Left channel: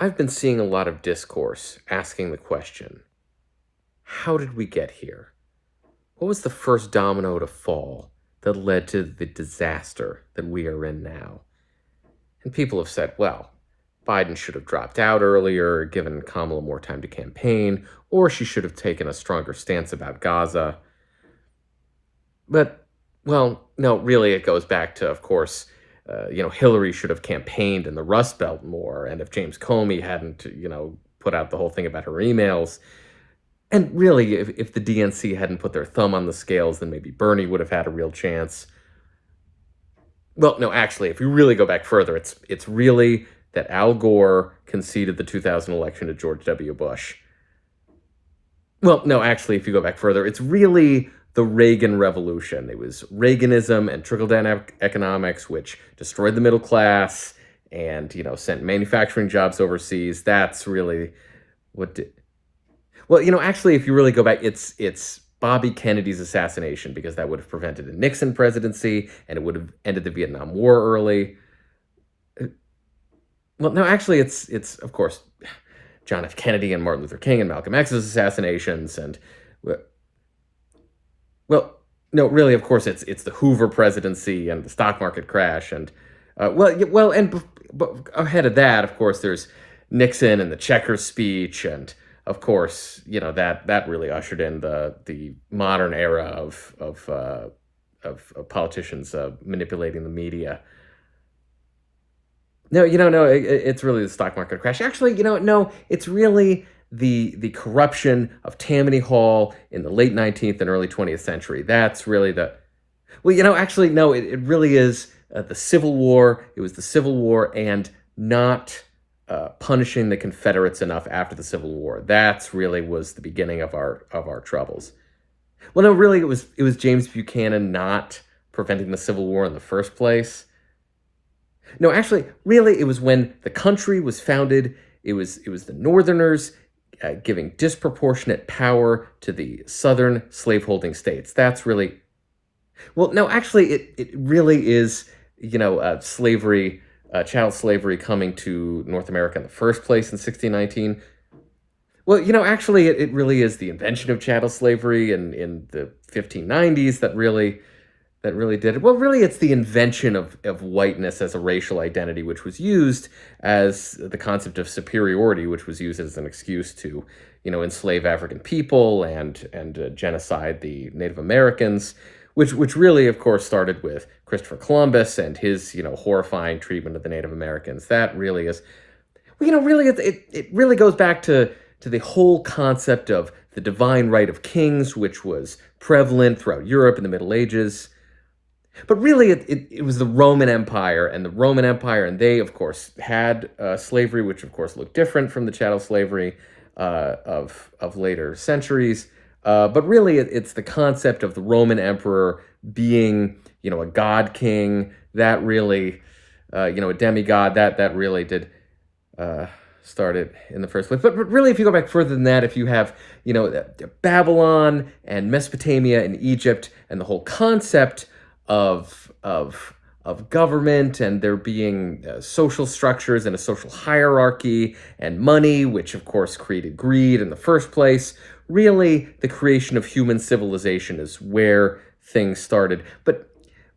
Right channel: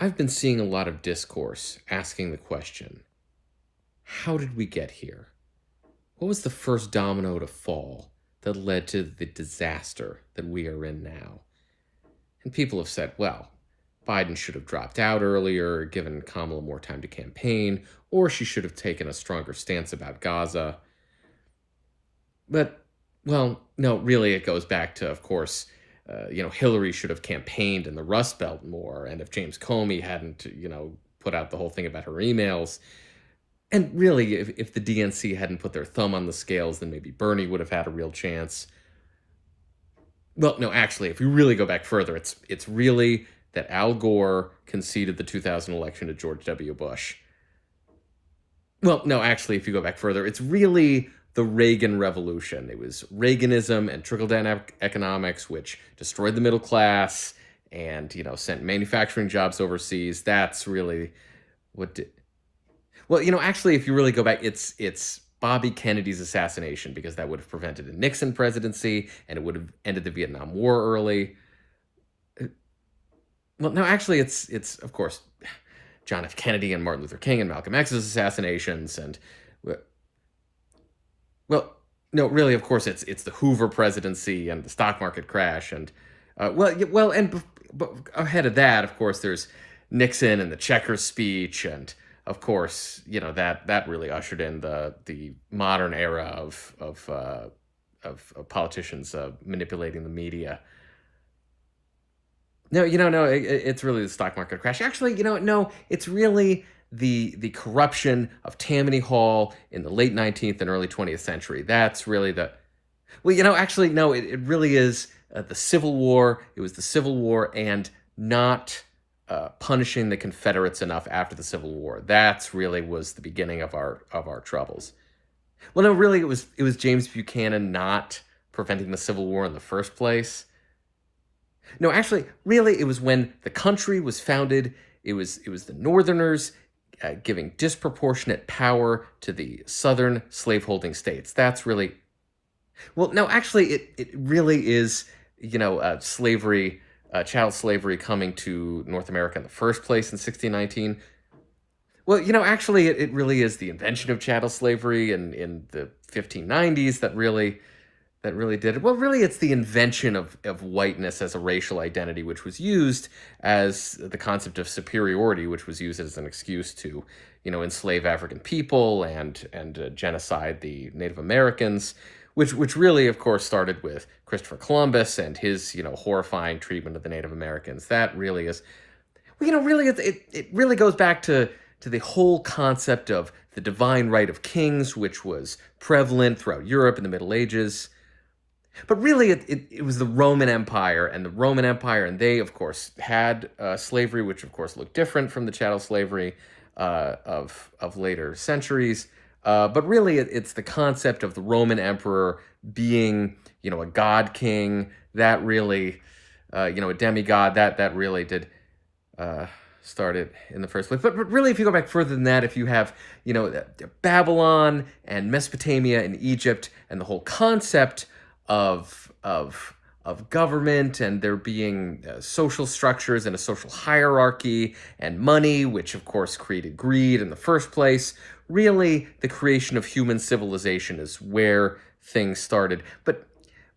I've been seeing a lot of discourse asking the question, how did we get here? What was the first domino to fall that led to the disaster that we are in now? And people have said, well, Biden should have dropped out earlier, given Kamala more time to campaign, or she should have taken a stronger stance about Gaza. But, well, no, really, it goes back to, of course, Hillary should have campaigned in the Rust Belt more. And if James Comey hadn't, put out the whole thing about her emails, and really, if the DNC hadn't put their thumb on the scales, then maybe Bernie would have had a real chance. Well, no, actually, if you really go back further, it's really that Al Gore conceded the 2000 election to George W. Bush. Well, no, actually, if you go back further, it's really the Reagan Revolution. It was Reaganism and trickle-down economics, which destroyed the middle class and, sent manufacturing jobs overseas. That's really what did. Well, actually, if you really go back, it's Bobby Kennedy's assassination, because that would have prevented a Nixon presidency and it would have ended the Vietnam War early. Well, no, actually, it's of course John F. Kennedy and Martin Luther King and Malcolm X's assassinations, and well, no, really, of course, it's the Hoover presidency and the stock market crash, and but ahead of that, of course, there's Nixon and the Checkers speech, and of course, that really ushered in the modern era of politicians manipulating the media. No, no, it's really the stock market crash. Actually, no, it's really the corruption of Tammany Hall in the late 19th and early 20th century. That's really actually, no, it really is the Civil War. It was the Civil War and not punishing the Confederates enough after the Civil War. That's really was the beginning of our troubles. Well, no, really, it was James Buchanan not preventing the Civil War in the first place. No, actually, really, it was when the country was founded. It was the Northerners giving disproportionate power to the Southern slaveholding states. That's really, well, no, actually, it really is, slavery, child slavery coming to North America in the first place in 1619. Well, actually, it really is the invention of chattel slavery in the 1590s that really did it. Well, really, it's the invention of whiteness as a racial identity, which was used as the concept of superiority, which was used as an excuse to, enslave African people and genocide the Native Americans, which really, of course, started with Christopher Columbus and his, horrifying treatment of the Native Americans. That really is, really, it really goes back to the whole concept of the divine right of kings, which was prevalent throughout Europe in the Middle Ages. But really, it was the Roman Empire, and they, of course, had slavery, which, of course, looked different from the chattel slavery of later centuries. But really, it's the concept of the Roman emperor being, a god king, that really, a demigod, that really did start it in the first place. But really, if you go back further than that, if you have, Babylon and Mesopotamia and Egypt and the whole concept of government and there being social structures and a social hierarchy and money, which of course created greed in the first place. Really, the creation of human civilization is where things started. But,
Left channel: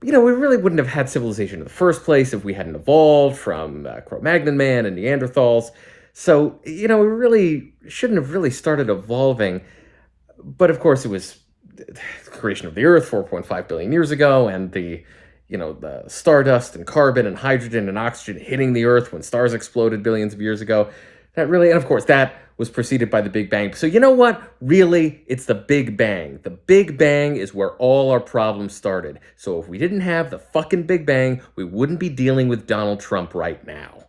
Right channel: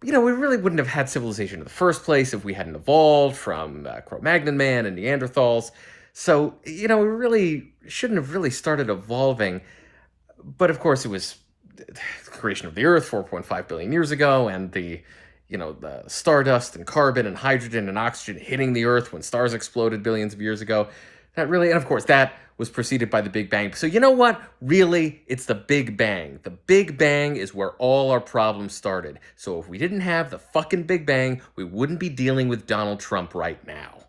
we really wouldn't have had civilization in the first place if we hadn't evolved from Cro-Magnon man and Neanderthals. So, we really shouldn't have really started evolving. But of course, it was the creation of the Earth 4.5 billion years ago, and the stardust and carbon and hydrogen and oxygen hitting the Earth when stars exploded billions of years ago. That really, and of course, that was preceded by the Big Bang. So you know what? Really, it's the Big Bang. The Big Bang is where all our problems started. So if we didn't have the fucking Big Bang, we wouldn't be dealing with Donald Trump right now.